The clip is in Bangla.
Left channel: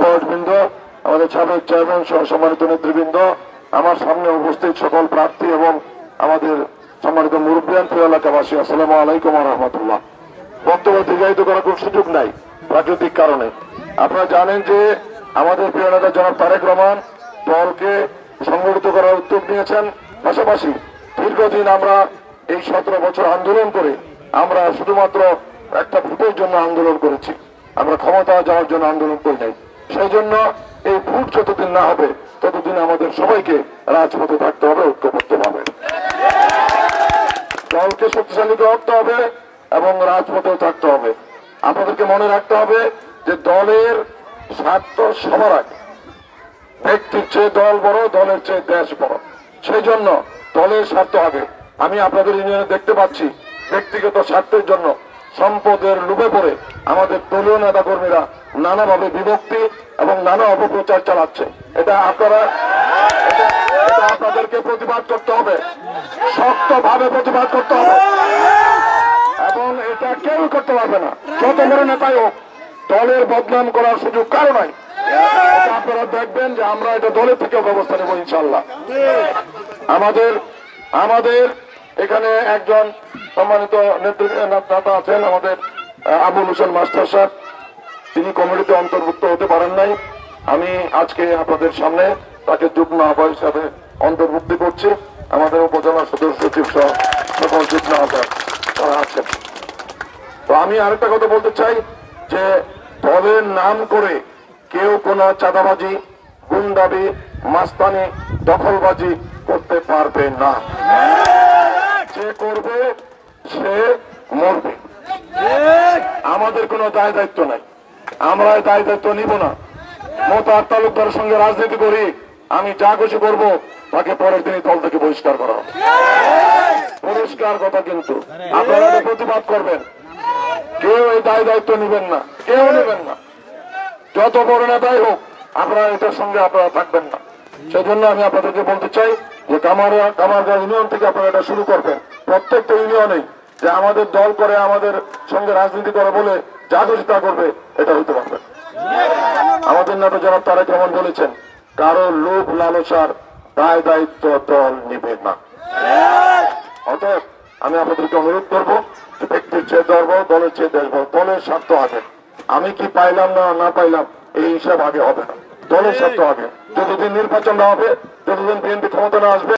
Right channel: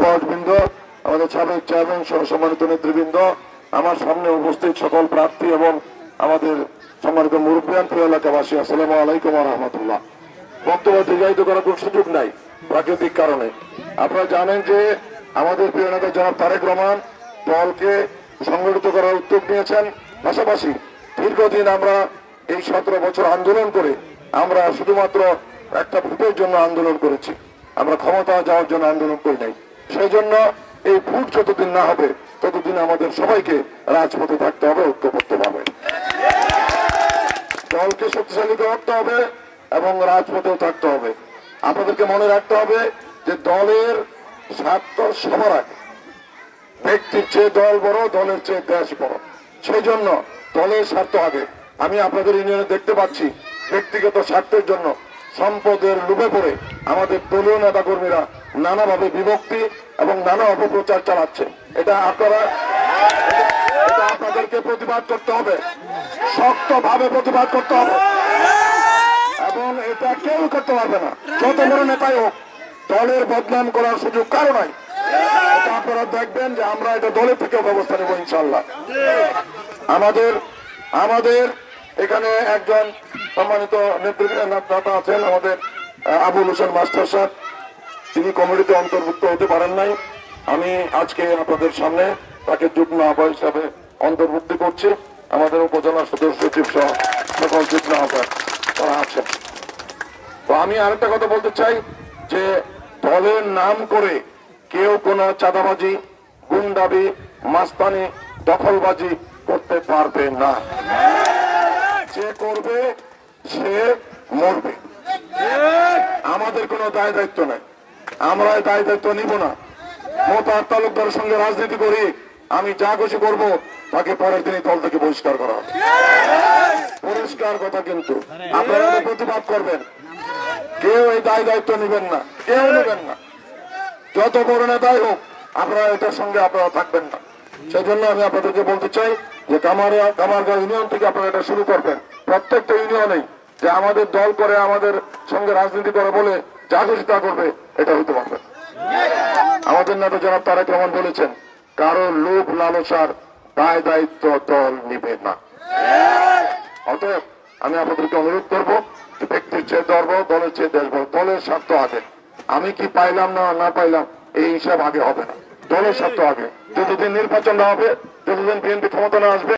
বৃন্দ, আমাদের সাবেক চেয়ারম্যান সহ সম্মানিত নেতৃবৃন্দ, আমার সামনে উপস্থিত সকল প্রার্থী এবং আমাদের সম্মানিত মুরব্বিয়ান প্রিয় এলাকাবাসী, আসসালামু আলাইকুম ওয়া রাহমাতুল্লাহ। বক্তব্য দীর্ঘায়িত করার কোন সুযোগ নাই প্রাকৃতিক কারণে। আপনারা জানেন যে আমাদের প্রিয় নেতা জনাব তারেক রহমান দলকে সংগঠিত করার উদ্যোগ নিয়েছেন। পাশাপাশি দীর্ঘদিন আমরা এই 17 বছর আন্দোলন করে আমরা শুধুমাত্র একটা ভোটের জন্য আন্দোলন করেছি, আমরা ক্ষমতা যাওয়ার জন্য আন্দোলন করি নাই। সেই জন্য এই ভোট যতদিন না হবে ততদিন আমাদের সবাইকে রাজপথে থাকতে হবে, ঐক্যবদ্ধভাবে দলকে শক্তিশালী করতে হবে এবং রাজপথেও থাকতে হবে। আপনাদেরকে মনে রাখতে হবে যে দলের স্বার্থ সবার আগে, ব্যক্তির চেয়ে দল বড়, দলের চেয়ে দেশ বড়। সেই জন্য দলের স্বার্থ আগে। আমি আপনাদের ইউনিয়নে দেখতে পাচ্ছি ব্যক্তিগত স্বার্থের জন্য সম্পদের লোভে পড়ে আমাদের দলীয় নেতা কর্মীরা নানাভাবে বিভক্তি এবং নানা অপপ্রচার চালাচ্ছে। এটা আপনাদেরকে প্রতিবাদ করতে হবে, শক্তভাবে প্রতিবাদ করতে হবে এবং এটা কেউ করতে পারবে না, যত বড় নেতাই হোক। দলের বদনাম করার সুযোগ কারো নাই। আপনারা দেখবেন যে আমরা এটা দলের থেকে ব্যবস্থা নেব ইনশাল্লাহ। আমাদের এখানে একজন সম্মানিত নেতা আছেন, আমাদের আবুল হোসেন মাস্টার সাহেব, তিনি কমিটিতে অন্তর্ভুক্ত হতে পারেন নাই। আমি আজকে আপনাদের সামনে তাকে যুগ্ম আহ্বায়ক হিসাবে অন্তর্ভুক্তি করছি। আমাদের উপজেলা সদস্য সচিব সহ সকল যুগ্ম আহ্বায়ক তারা আছেন। তো আমি আরেকটা কথা বলতে চাই যে দলের নাম করে কেউ কোনো চাঁদাবাজি, গুন্ডাবি, মাস্তানি, দখলবাজি করতে পারবে না। যে করবে সে মরবে। আমাদের কোনো দায় দায়িত্ব নাই, আমরা এই দায় দায়িত্ব নিব না। মোতাহার তালুকদারের সঙ্গে রাজনীতি করি, আমি যা খুশি করবো তাকে পরের দিনই দল থেকে বহিষ্কার করা হবে। পরিষ্কার কথা, কিন্তু আপনারা প্রতিবাদ করবেন, কেউ এই দায় দায়িত্ব নিবেন না, কেউ নেবেন না। যত বড় নেতাই হোক আপনারা এটার সঙ্গে আপনারা থাকবেন না। সেজন্য আমি আপনাদেরকে বলতে চাই যে কামারগাঁও ইউনিয়ন থেকে আপনারা এটা শুরু করবেন। প্রত্যেকটা ইউনিয়নেই যে আমাদের দল করে, আমাদের সঙ্গে রাজনীতি করে বলে যা খুশি তা করবে, এটা হইতে পারবে। আমাদের নেতা জনাব তারেক রহমান বলেছেন, কারো লোভ লালসার দায় দায়িত্ব দল নিবে না। অতএব আমি আপনাদেরকে অনুরোধ করবো যে ব্যক্তির চেয়ে দল বড়, দলের চেয়ে দেশ বড়। দলের স্বার্থ আগে। আমি কি পাইলাম না পাইলাম এই হিসাব আগে হবে না, দলের স্বার্থ আগে। যতদিন নির্বাচন না হবে, যতদিন বিএনপি ক্ষমতা না আসবে,